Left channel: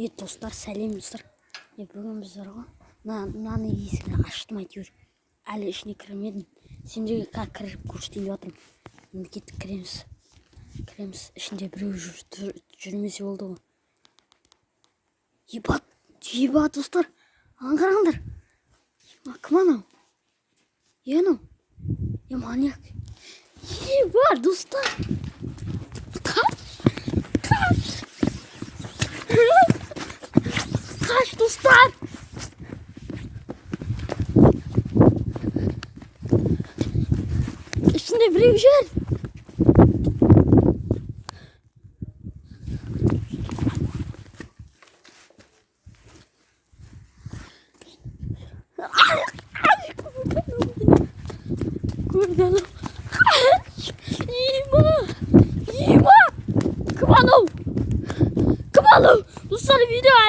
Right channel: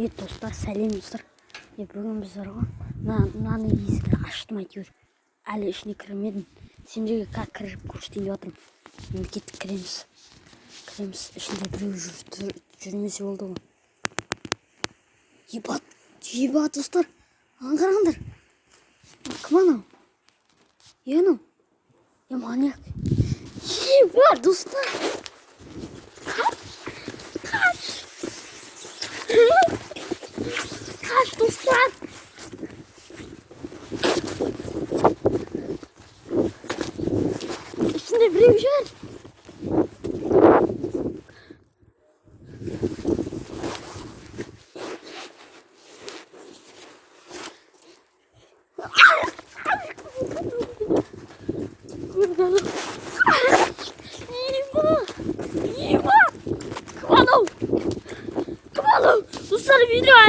Dostlar, сәлем достар. Бүгін біз мынаны есігін аштым әйтеуір. Әлі ішіне кірмедім. Сендерге как кіріп көрсетейін деп жатырмын. Мемлекеттік кіреміз. Ішінде біреу жүрмесе болды ғой. Ебат достар. Аңғараңдар. Кім анау? Анау? Маньяк. Ебат достар. Kaç dostlar. İçinde biri güzel. Kurbanım. Yiyeyim. Kıvanım. Dostlar video